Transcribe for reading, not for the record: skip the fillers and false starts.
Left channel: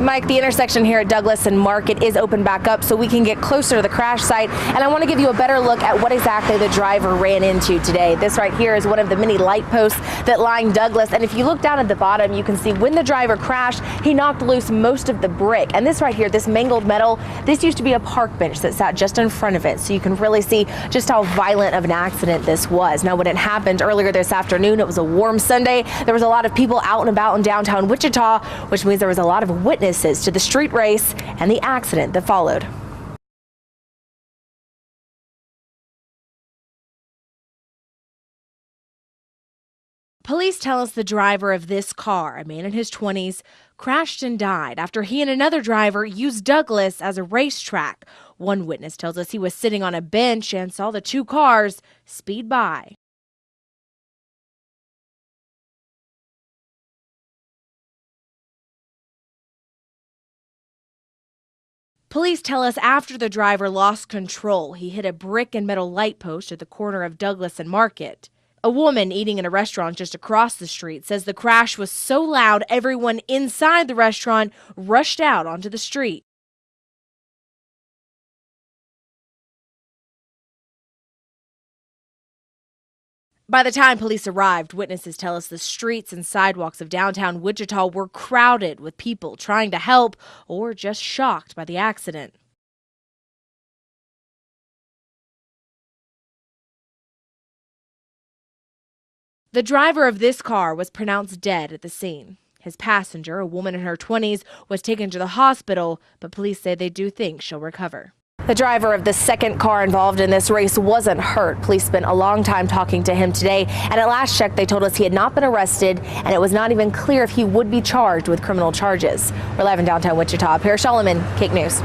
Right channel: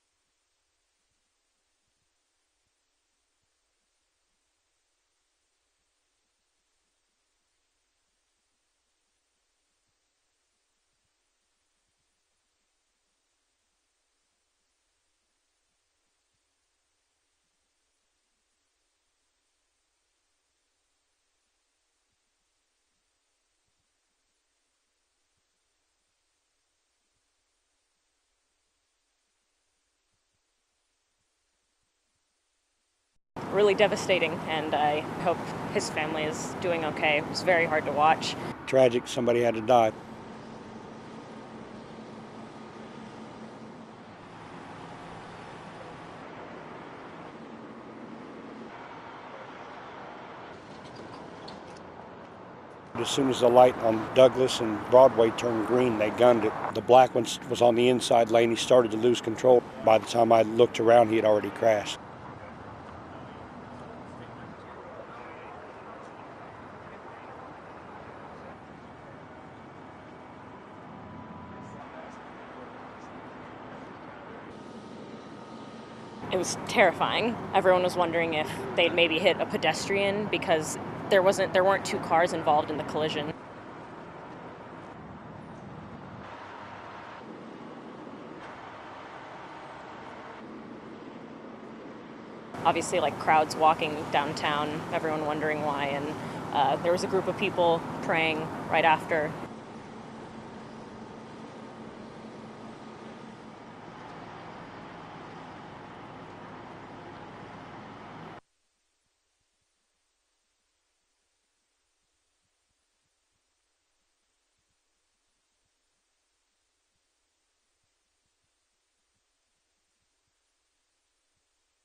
Mike, the intersection here at Douglas and Market is open back up so we can get closer to the crash site. And I want to give you a better look at what exactly the driver ran into today. This right here is one of the many light posts that line Douglas. And if you look down at the bottom, you can see when the driver crashed, he knocked loose most of the brick. And this right here, this mangled metal, this used to be a park bench that sat just in front of it. So you can really see just how violent of an accident this was. Now, when it happened earlier this afternoon, it was a warm Sunday. There was a lot of people out and about in downtown Wichita, which means there was a lot of witnesses to the street race and the accident that followed. Really devastating, and I hope his family is doing okay. It was very hard to watch. Tragic, somebody had to die. Police tell us the driver of this car, a man in his 20s, crashed and died after he and another driver used Douglas as a racetrack. One witness tells us he was sitting on a bench and saw the two cars speed by. As soon as the light on Douglas and Broadway turned green, they gunned it. The black one was on the inside lane. He started to lose control. By the time I looked around, he had already crashed. Police tell us after the driver lost control, he hit a brick and metal light post at the corner of Douglas and Market. A woman eating in a restaurant just across the street says the crash was so loud everyone inside the restaurant rushed out onto the street. It was terrifying. Everyone was wondering if they'd maybe hit a pedestrian because there weren't two cars involved in the collision. By the time police arrived, witnesses tell us the streets and sidewalks of downtown Wichita were crowded with people trying to help or just shocked by the accident. Obviously, like crowds walking downtown, everyone wondering why, and there was a group of people praying right after. The driver of this car was pronounced dead at the scene. His passenger, a woman in her 20s, was taken to the hospital, but police say they do think she'll recover. The driver of the second car involved in this race wasn't hurt. Police spent a long time talking to him today, and at last check, they told us he had not been arrested, and it was not even clear if he would be charged with criminal charges. We're live in downtown Wichita. Paris Solomon, KIC News.